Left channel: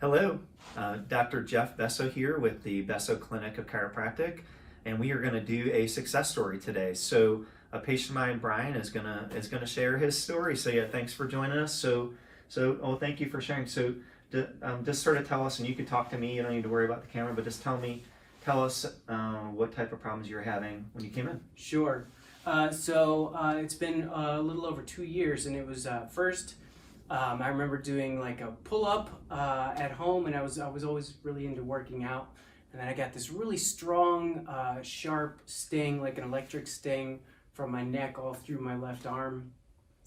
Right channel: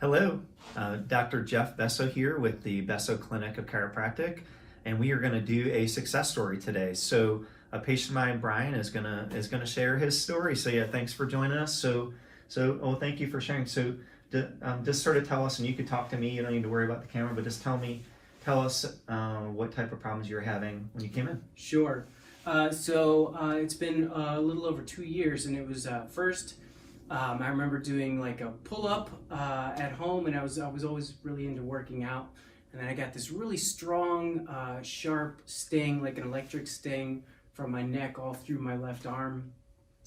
Hello, Dr. Jeff Besso here with the Besso Clinic of Chiropractic, and we are going to do a success story today. So, a patient of mine, Brian, is gonna share his story. So, yeah, thanks for joining us. Thank you for sharing. So, just sort of tell us, and you could talk to me. You don't need to worry about the camera, but just tell us what type of problems you were having when you came in. Sure. It's been a little over 2 years, and it was first. I remember doing like a pull-up at home, and I was always really into working out. And then I got this really strong, sharp sting, like an electric sting, from my neck all through my left arm.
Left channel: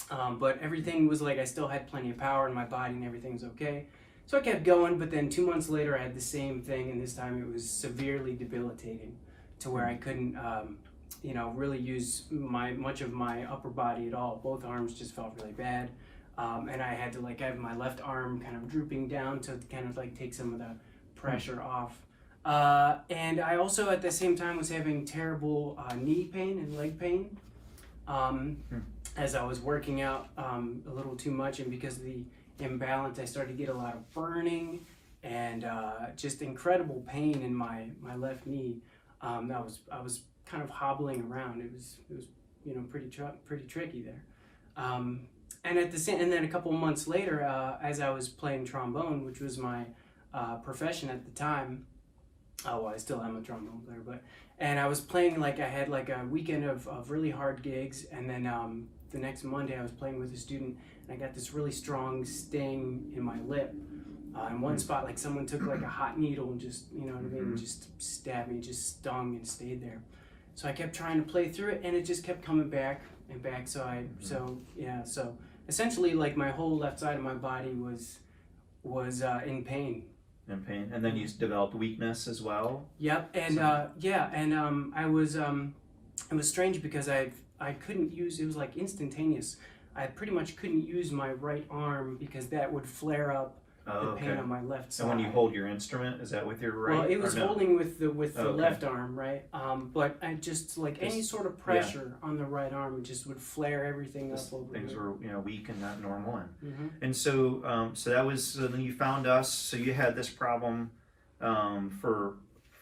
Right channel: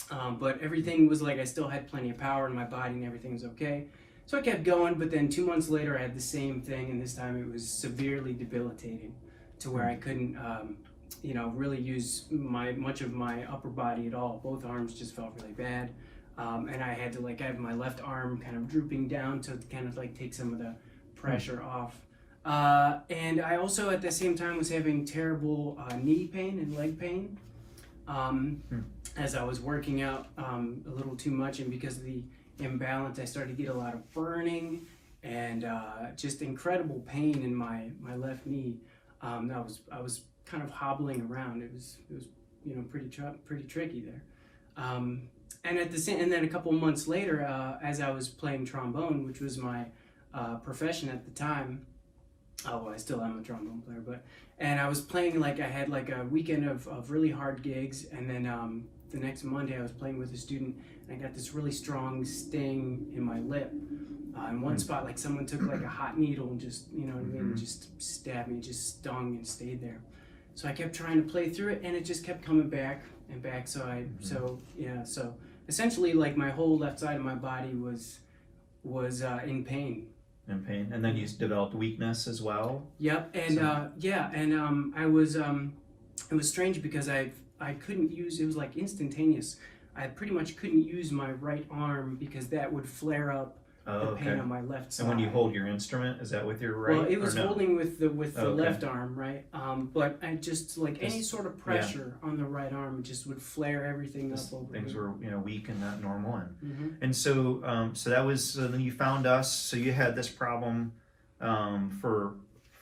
But everything was like I still had plenty of power in my body, and everything was okay. So I kept going. But then 2 months later, I had the same thing, and this time it was severely debilitating, to where I couldn't, really use much of my upper body at all. Both arms just felt really bad. And I had to I have my left arm kind of drooping down to kind of like take some of the pressure off. And I also at the same time was having terrible knee pain and leg pain as I was working out a little too much, and because of the imbalance, I started to get a lot of burning and just incredible pain in my left knee. I was kind of hobbling around. It was pretty tricky there. And then a couple months later, as I was playing trombone, which was my profession at the time. I still am a trombone player, and I was playing, I had a weekend of really hard gigs, and then the next Monday I was playing with a student, and I got this really strong sting in my lip. In one spot, like someone took a hot needle and just, just stabbed me, just stung and stayed there. So I kept trying to play through it, and it just kept coming back and back. So essentially, my whole left side of my body was in pain. In pain, and then you developed weakness as well. Yep, and it was strange because I couldn't use, it was like instantaneous. I pretty much couldn't use my right arm because that would flare up the pain on my left side. And when you hold your instrument, is that with your right? Well, it was holding with the left arm, right? But I just any sort of pressure on the right arm, it just would flare everything up over. Things were weak and not normal, and so that was. So then you found us. So you had this problem for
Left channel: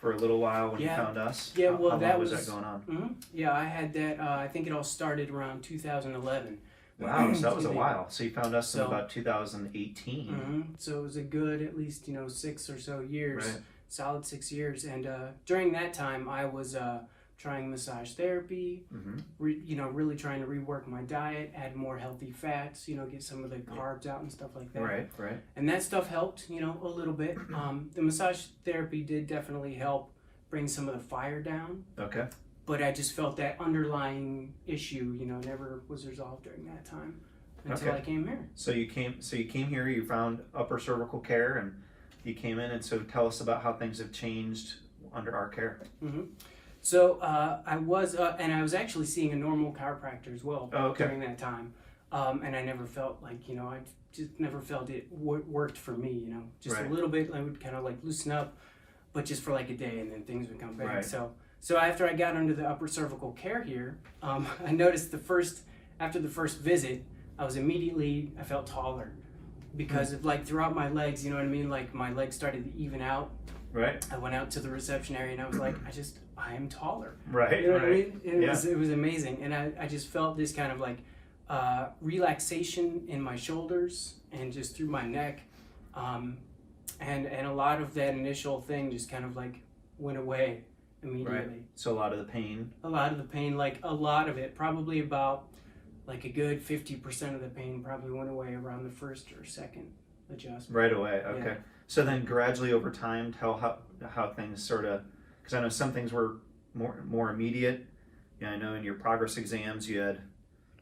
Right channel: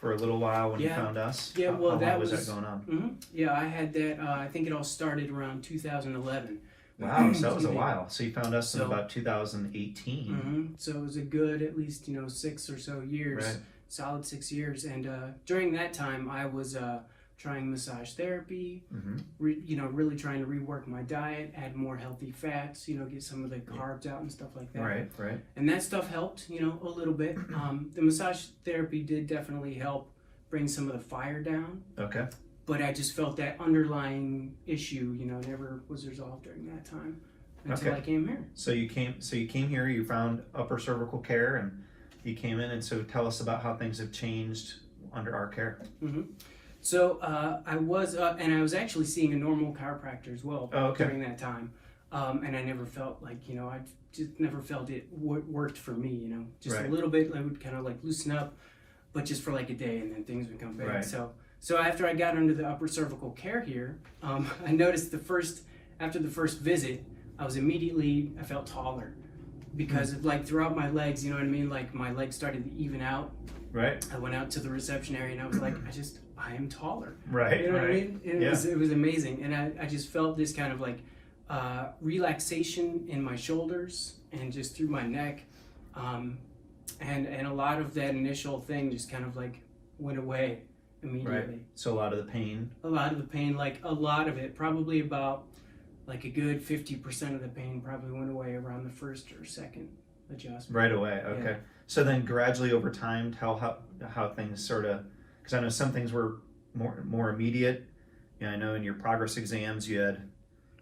a little while when you found us. Yeah, how long was that going on? Yeah, I had that. I think it all started around 2011. Wow, so that was a while. So you found us in about 2018. So it was a good, at least 6 or so years, right. Solid 6 years. And during that time, I was trying massage therapy, really trying to rework my diet, add more healthy fats, get some of the carbs out and stuff like that. Right. And that stuff helped, a little bit. The massage therapy did definitely help bring some of the fire down. Okay. But I just felt that underlying issue, never was resolved during that time until I came here. So you came here. You found upper cervical care, and you came in. And so tell us about how things have changed under our care. So I was actually seeing a normal chiropractor as well during that time, and I never felt I just never felt it worked for me. Just a little bit. I would kind of loosen up, but just for a day, and then things would come back. Right. So after I got under the upper cervical care here, I noticed after the first visit, I felt taller because of throughout my legs, you know what I mean? My legs started to even out. Right. I went out to the reception area, and I was like, I am taller. Right. You know what I mean? And it was amazing. And I just felt this kind of relaxation in my shoulders and just through my neck. And a lot of that initial thing just kind of went away immediately. Right. So a lot of the pain, a lot of it, probably about a good 50% of the pain probably went away around the first or second adjustment. Right away. Okay. Yeah. So then gradually over time, tell how things sort of, because I know some things were more immediate. I know in your progress exams you had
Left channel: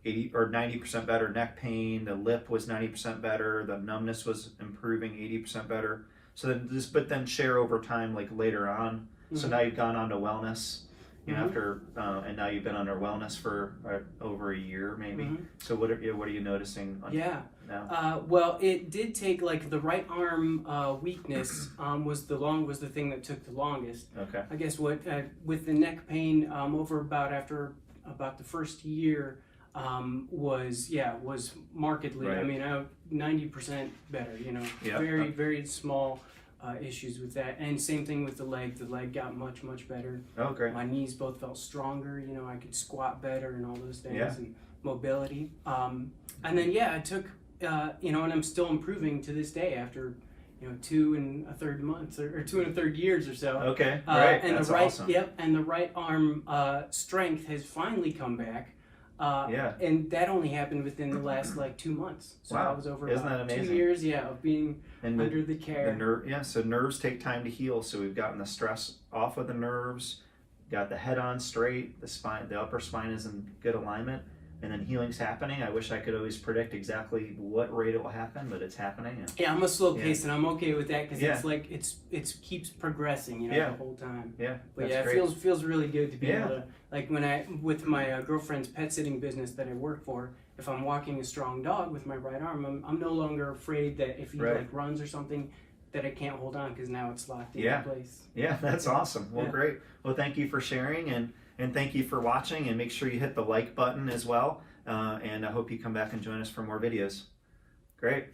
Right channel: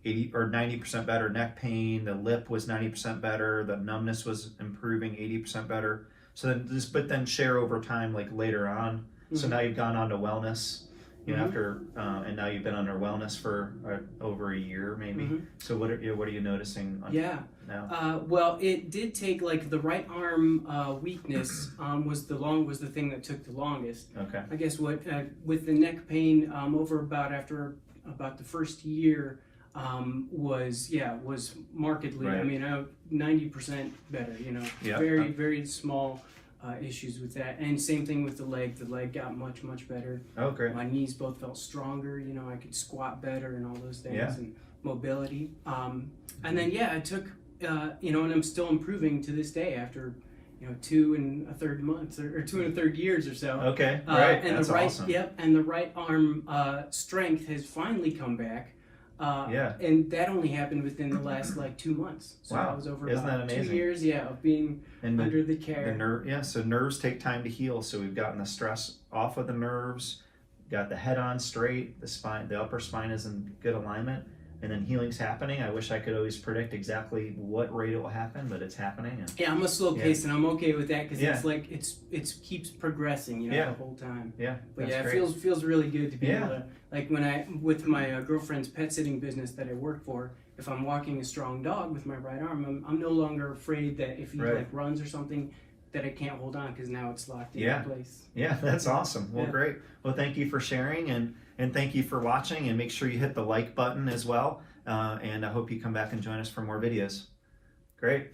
80 or 90% better neck pain. The lip was 90% better. The numbness was improving 80% better. So then share over time, later on. So now you've gone on to wellness, after, and now you've been under wellness for over a year, maybe. So what are you noticing now? Well, it did take the right arm weakness was the thing that took the longest. Okay. I guess with the neck pain after about the first year was markedly. Right. I mean, 90% better, you know. Yep. Very, very small issues with that. And same thing with the leg. The leg got much, much better. Oh, great. My knees both felt stronger, you know, I could squat better and all those things, Yeah. and mobility. And then, yeah, I took, you know, and I'm still improving to this day after, you know, 2 1/3 months or 2 1/3 years or so. Okay, right. And That's the right, awesome. Yep, and the right arm strength has finally come back. Yeah. And that only happened within the last like 2 months. So Wow. I was over Isn't about that 2 amazing? years, yeah, of being And under the care. so nerves take time to heal. So we've gotten the stress off of the nerves, got the head on straight, the spine, the upper spine is in good alignment, and then healing's happening. I wish I could always predict exactly what rate it will happen, but it's happening. And Yeah, I'm a slow pace, and I'm okay with that because Yeah. it's like it keeps progressing, you know, Yeah. the whole time. yeah, But that's yeah, great. it feels really good to be Yeah. able to, like when I with my girlfriend's pet sitting business that I work for. If I'm walking a strong dog with my right arm, I'm no longer afraid that if he Right. like runs or something, that I can't hold on because now it's locked Yeah. in place. Yeah, that's awesome. Well, Yeah. great. Well, thank you for sharing, and thank you for watching, and make sure you hit the like button as well. And I hope you come back and join us for more videos. Great.